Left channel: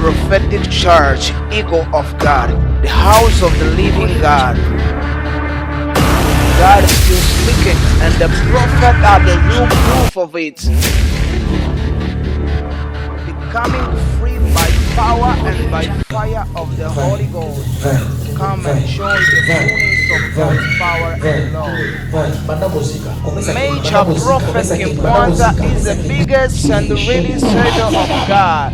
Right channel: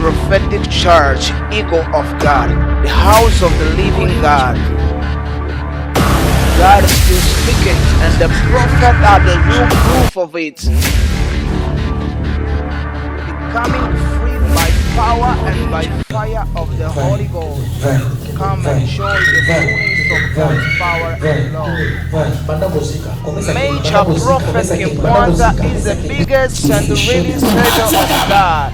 prophetic church, eagle of God, the house of the living God. God is still speaking, and the prophet are the real proof of it. Becoming free by power and by fire of the Holy Ghost. Come and enjoy the fullness of God's power and love. Major Prophet Kimpwanza is the biggest and the really Savior of God.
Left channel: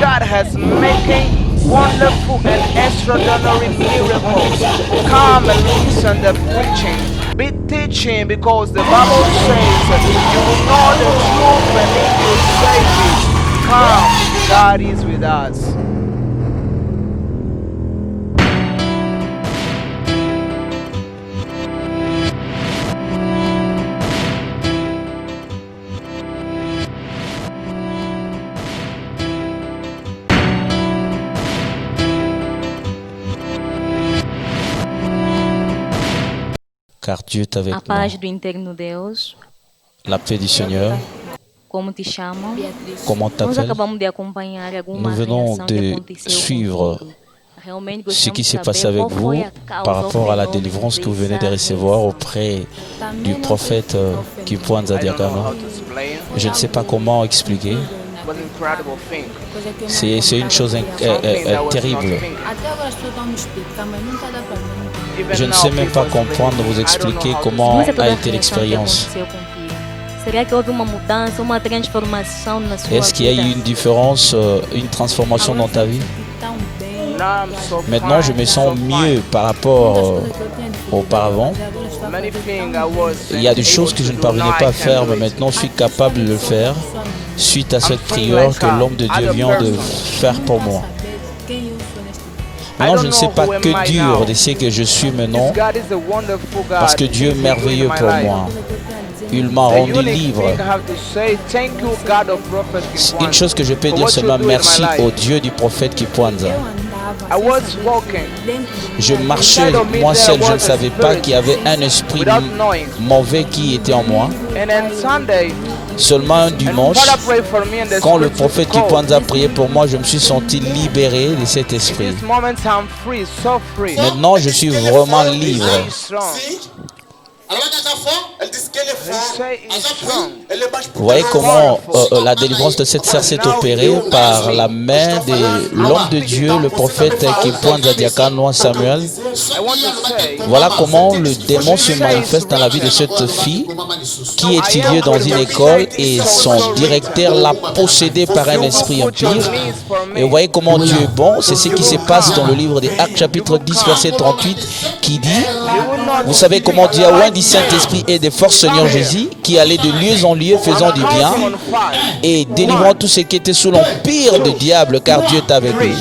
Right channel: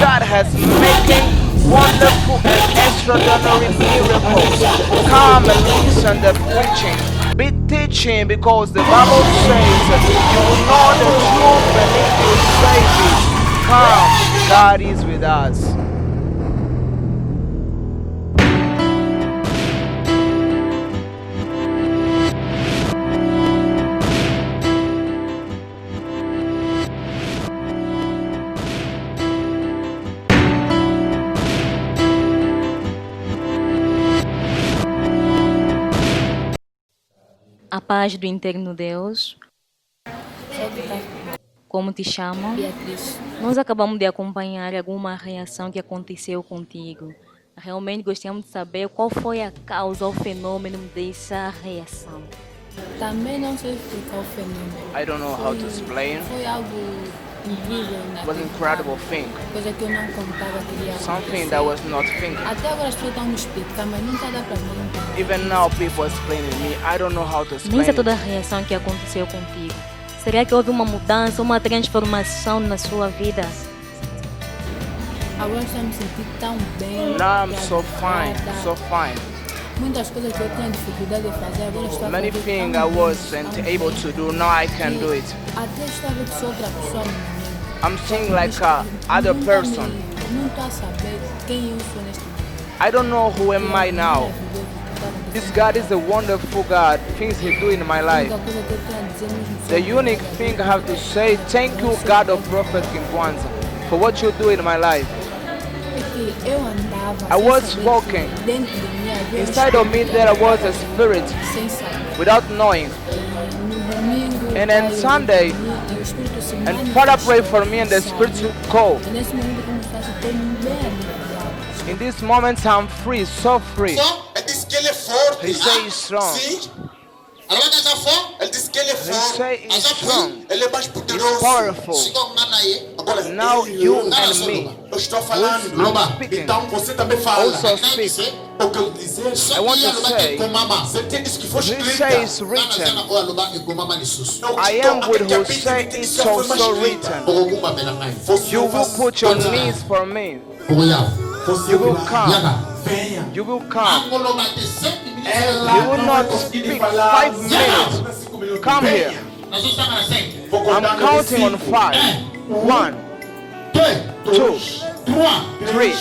God has making wonderful and extraordinary miracles. Come and listen to the preaching. Be teaching, because the Bible says you will know the truth and it will save it. Come, God is with us. Car Dieu est avec A paz do interno Deus, nous. La paix du Seigneur. como te chamam? Comment Nós t'appelles? acabamos de acompanhar alguma Nous venons reação que de aconteceu suivre contigo. Realmente Ce gostamos qui de s'est passé saber avec qual vous foi a par causa ou rapport à la fenômeno délivrance que vous venez de dessa recevoir reação. auprès du prophète Kimpwanza I don't know how Diakano. to explain. Je ne sais pas comment expliquer. It was an incredible thing. C'est une chose Something that was not terrible. think. Até agora as pessoas estão me explicando, mas não está dando para mim entender. Je Even ne now, sais même people pas comprendre, explain vous me. I don't know expliquer how to comment Visa explain. toda a a été reação que l'expérience. aconteceu contigo. Será que houve uma mudança, uma transformação na sua Est-ce qu'il y a vida? eu une différence, une transformation dans ta vie? Tão bem. Now I'm so Maintenant, je fine, me so sens mieux fine. par rapport Muitas coisas que eu tinha dificuldade auparavant. de fazer, agora estou a Many fazer things tão I bem. Il y a wasn't des able choses que je to ne do, parvenais now I pas à can faire, do mais it. maintenant je suis Aqui capable de sabe, le sou faire uma pessoa mesmo. suite à I'm cette saying prière like que l'homme de other Dieu vient de person. faire pour Nunca moi. saber quem eu sou neste dia. I Maintenant, je don't ne sais know pas who am I que now. dire de ce que je suis This maintenant, God is a wonderful parce God. que Dieu est Things He do in merveilleux my pour life. moi. Coisa que eu tenho a dizer, Il não m'a The rendu unique thing I libre. have to say, thank you, God of Prophet Une Kimpwanza, chose que je peux for dire what you seulement do in my merci life. au Dieu du prophète Kimpwanza. eu andava I sem was saber walking. que dentro de mim Je havia marchais Inside of me moi there seul, je was ne a savais pas spirit qu'il y avait un esprit without knowing. mauvais qui était en moi. And then Sunday, Seulement un and dimanche, Father prayed for me and the quand le Spirit prophète called. Kimpwanza priait pour moi, je me suis senti libéré de cet In esprit. this moment, I'm free, so free. Maintenant, je suis vraiment He libre. say he's strong. Alors là, quand fort, elle dit qu'elle est He forte. say he's strong. Elle est bâche Vous pour voyez It's comment powerful. la délivrance de cette sœur s'est Now opérée you par and me. la main de l'homme de Dieu, le prophète Kimpwanza Diakano Samuel. I want to say, Voilà comment le démon se manifeste dans la vie de cette fille qui étudiait dans une école et son directeur l'a possédée par un you will esprit put your impur. knees for Et vous me. voyez comment Dieu est bon, c'est ce qui se passe dans le livre des Actes chapitre 10 verset 38 qui dit, You will not vous savez comment Dieu a oint du Saint-Esprit et des forces Seigneur Jésus qui allait de lieu en lieu faisant I'm du counting bien on 5. et délivrant tout ce qui était sous l'empire du diable car Dieu est avec lui.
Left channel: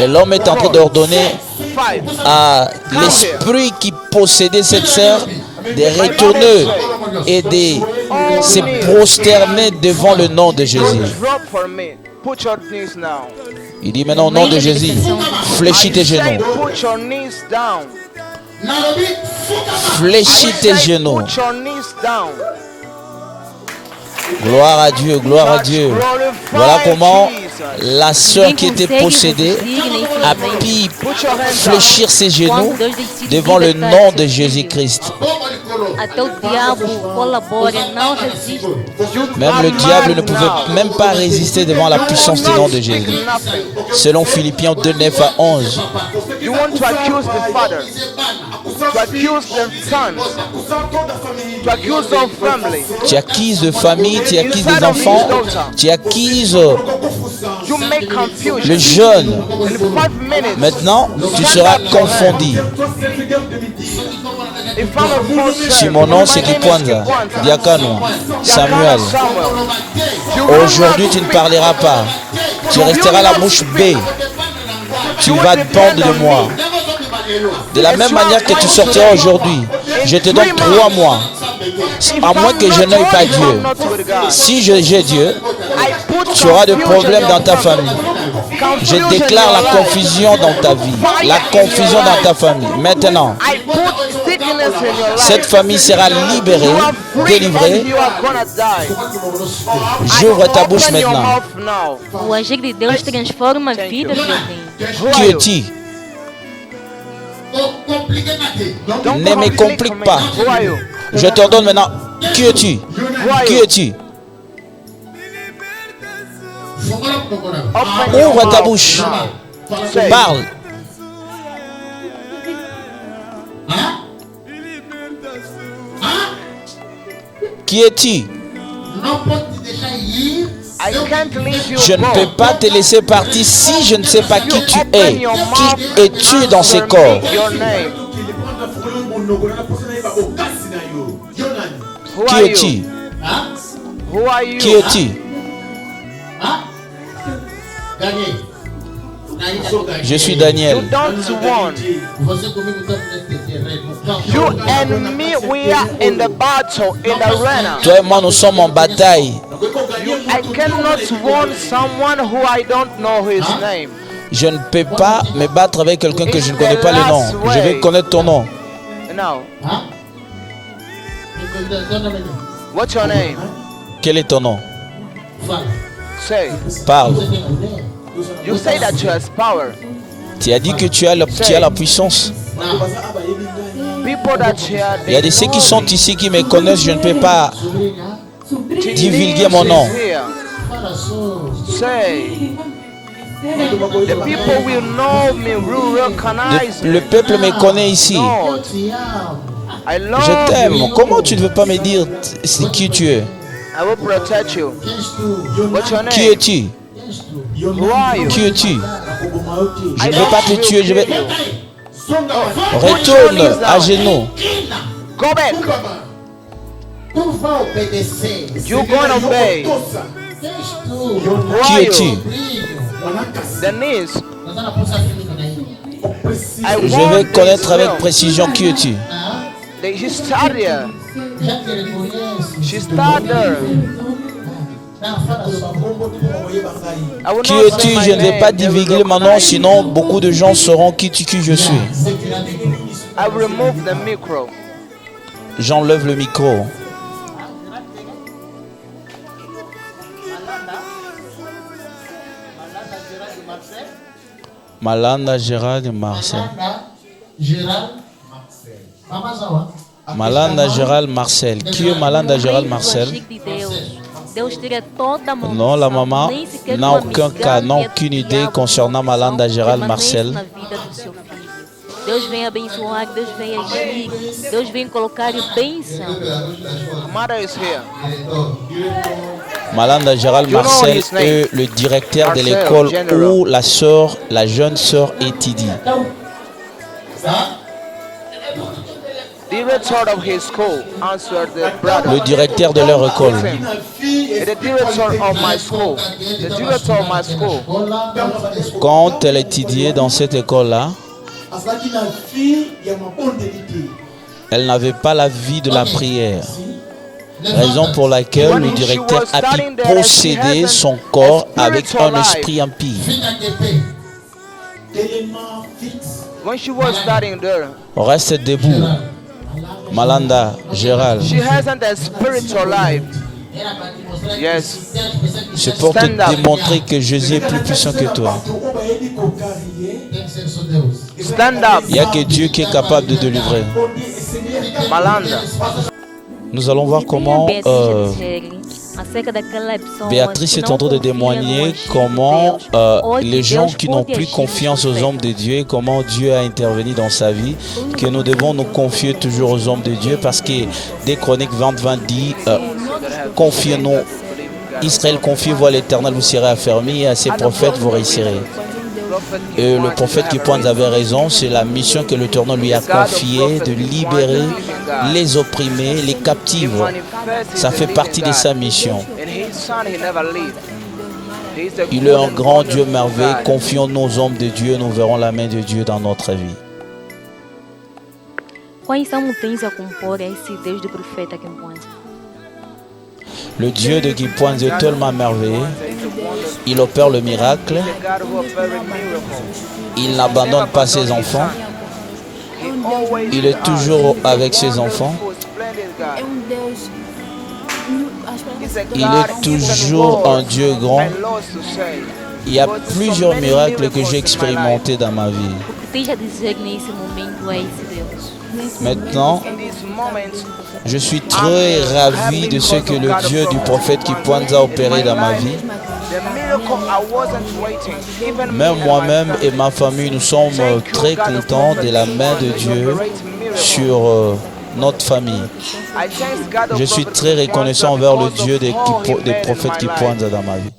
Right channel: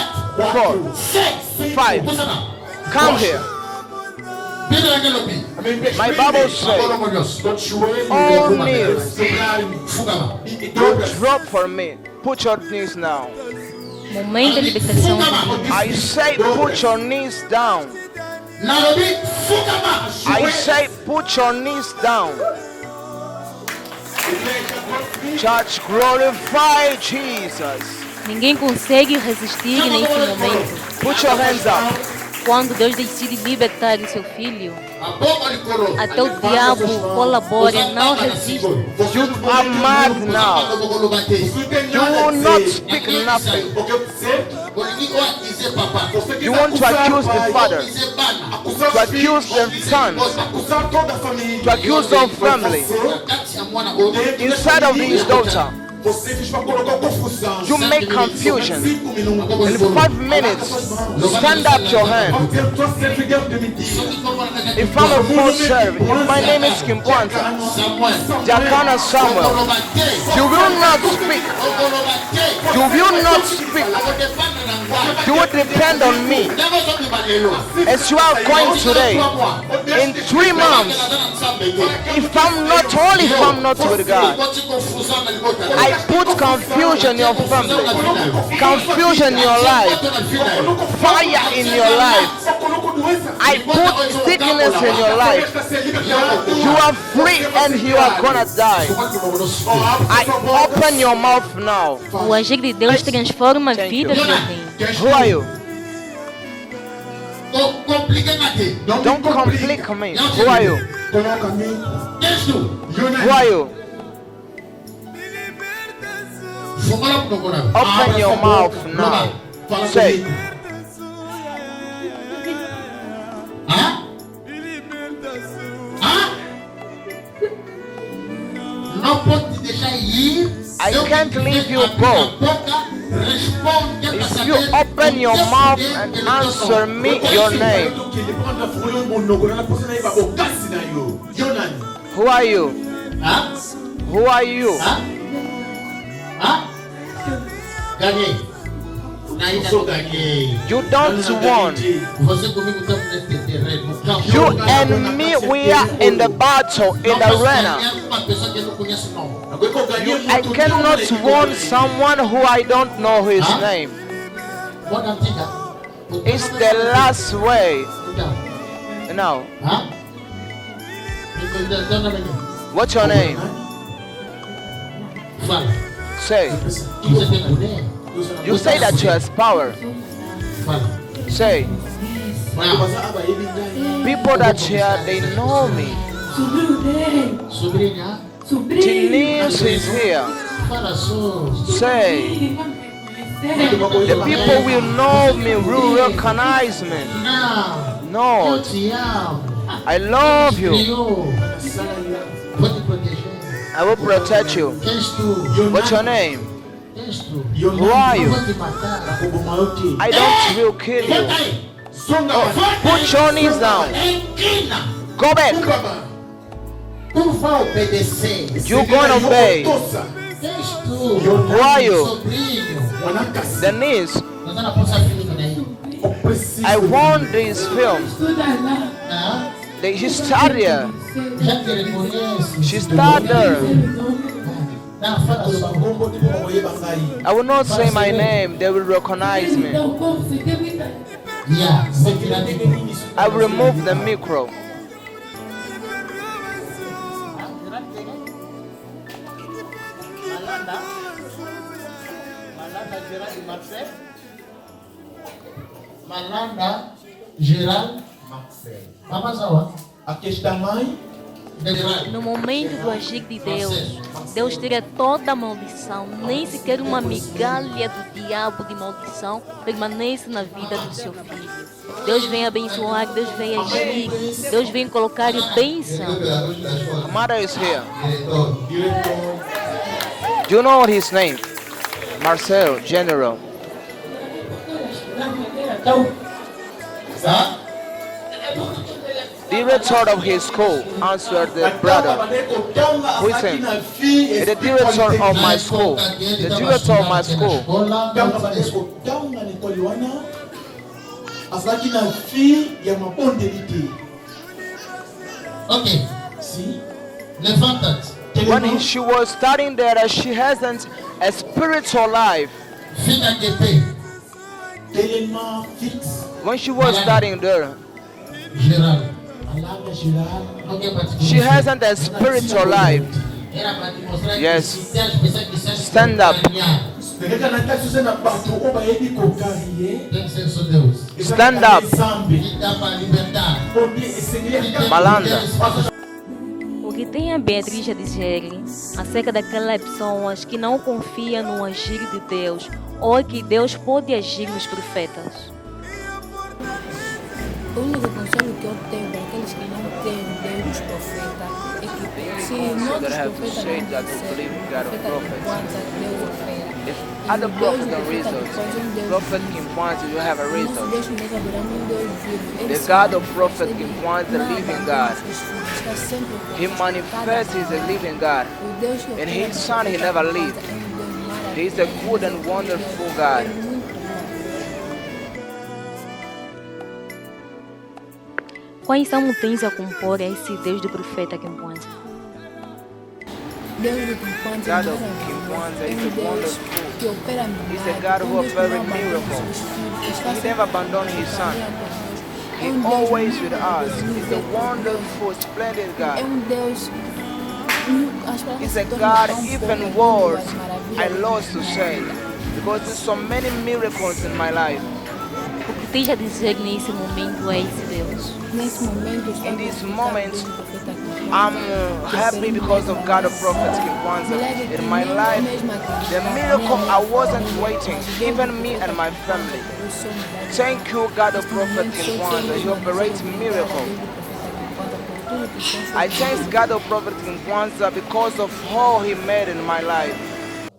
Et l'homme est en train d'ordonner 5. à l'esprit qui possédait cette sœur de retourner et de se prosterner devant le nom de Jésus. Drop for me. Put your knees now. Il dit maintenant au nom de Jésus, fléchis I tes say genoux, put your knees down. I fléchis tes say genoux. put your knees down. Gloire à Dieu, gloire à Church, Dieu. Voilà glorify comment Jesus. la sœur Ninguém qui était consegue possédée resistir nem a simplesmente pu Put your hands up. fléchir ses genoux quando Deus decide devant le libertar nom seu de filho. Jésus-Christ. Até o diabo colabora, não resiste. You Même are le diable ne mad now. pouvait même pas résister devant la You puissance will du nom not de speak Jésus. nothing. Selon Philippiens 2, 9 à 11. You want to accuse the father, to accuse the sons, to accuse our family. Tu acquises de famille, tu acquises Inside des of his enfants, daughter. tu acquises You make le confusion. jeune. In 5 minutes, Maintenant, tu stand seras up your hand. confondu. If I'm a false Si mon nom servant, c'est my name is Kimpwanza, Kimpwanza. Diakano, Yakana Samuel. Samuel. You will not Aujourd'hui, tu ne speak. parleras pas. Tu You will resteras la not bouche speak. bée. tu You vas will dépendre depend de on moi. me. De la As même you are manière que tu going sortiras today, aujourd'hui, je in te 3 donne 3 months, mois. if À moins I'm que je not n'aime pas holy, if I'm Dieu. not with God, Si j'ai Dieu, I put tu auras des confusion in problèmes dans your ta family. famille. Je Confusion in déclare your la life. confusion dans ta vie. Fire La in your confusion dans ta life. famille. Maintenant, I put sickness in your cette life. famille sera libérée, You are free and délivrée. you are gonna die. I J'ouvre ta bouche open your maintenant. mouth now. O agir de Deus transforma Thank vidas you. de alguém. Who are Qui you? es-tu? Don't Ne me complique complique me. pas. Who are you? Je t'ordonne maintenant. Qui es-tu? Who are Qui you? es-tu? Open your Ouvre ta mouth bouche. now. Say, Parle. Qui es-tu? I can't leave you Je ne peux go. pas te laisser partir si je ne sais pas You qui tu open es. your mouth Qui es-tu dans ce answer corps? me your name. Who Qui are es-tu? you? Who are Qui you? es-tu? Je suis Daniel. You don't want. You and me, we are in the battle, in the arena. Toi et moi, nous sommes en bataille. I cannot want someone who I don't know his name. Je ne peux pas me battre avec quelqu'un que je ne It's connais the pas last le nom. Je way. veux connaître ton nom. Now, what's your name? Quel est ton nom? Say. Parle. You say that you has power. Tu as dit que tu as la puissance. People that here, Il y a they de ceux qui know sont me. ici qui me connaissent. Je ne peux pas. Denise mon nom. is here. Say. The people will know me, will recognize Le me. peuple me connaît ici. Lord, I Je love t'aime. you. Comment tu ne veux pas me dire c'est qui tu es? I will protect you. What's your Qui name? es-tu? Who are you? Qui es-tu? I vais pas te don't tuer, will je vais- kill you. Oh, put your knees Retourne à down. genoux. Go back. You're gonna obey. Who are Qui you? es-tu? Denise, I Je veux want this connaître avec film. précision qui es-tu. She started here. She started there. I will Qui not es-tu? say my Je ne vais pas name. They will divulguer mon nom, recognize me. sinon beaucoup de gens sauront qui je suis. I will remove the micro. J'enlève le micro. Malanda Gérald Marcel. Malanda Gérald Marcel. Qui est Malanda No Gérald meio do Marcel? agir de Deus, Deus teria toda a mão Non, la maman nem sequer n'a uma aucun cas, n'a migalha aucune de idée diabo concernant de Malanda maldição Gérald permanece Marcel. na vida do seu filho. Deus vem abençoar, Deus vem agir, Deus vem colocar bênção. Mother is here. Malanda Gérald You know Marcel his name? est le directeur de Marcel, l'école general. où la jeune sœur étudie. Director of his school answered the Le brother. directeur de leur école. With him. The director of my school. The director of my school. Quand elle étudiait dans cette école-là, elle n'avait pas la vie de la prière. Raison pour laquelle When le she directeur was a studying pu there, she posséder hasn't son a corps avec spiritual un life. esprit impie. When she was studying there, Reste debout. Malanda, Gérald. she hasn't a spiritual life. Yes. C'est pour te Stand up. démontrer que Jésus est plus puissant que toi. Stand up, Il n'y a que Dieu qui est capable de délivrer. Malanda. Nous allons voir O que tem a comment Beatriz a dizer acerca daquelas pessoas Béatrice que est não en train de confiam no témoigner agir de comment Deus, ou les que gens Deus qui n'ont pode plus agir nos confiance aux hommes de Dieu et comment Dieu a intervenu dans sa vie, que nous devons nous confier toujours aux hommes de Dieu parce que des Chroniques 20 dit confiez-nous. Israël confiez-vous à l'Éternel, vous serez affermis et à ses prophètes vous réussirez. Et le prophète qui pointe avait raison, c'est la mission que l'Éternel lui a confiée de libérer les opprimés, les captifs. Ça fait partie de sa mission. And his son, he never leave. Il est un grand Dieu merveilleux. Confions nos hommes de Dieu, nous verrons la main de Dieu dans notre vie. Quais são tens a compor esse Deus do profeta Kimpoanza? Le Dieu de Kimpoanza est tellement merveilleux. Il opère le miracle. Il n'abandonne pas ses enfants. Il est toujours avec ses enfants. É Deus. Il est toujours un Dieu grand. Il y a plusieurs miracles que j'ai expérimentés dans ma vie. O que tens a dizer nesse momento a esse Deus? Maintenant, je suis très ravi de ce que le Dieu du prophète Kimpoanza a opéré dans ma vie. Même moi-même et ma famille, nous sommes très contents de la main de Dieu sur notre famille. Je suis très reconnaissant envers le Dieu des prophètes Kimpoanza dans ma vie.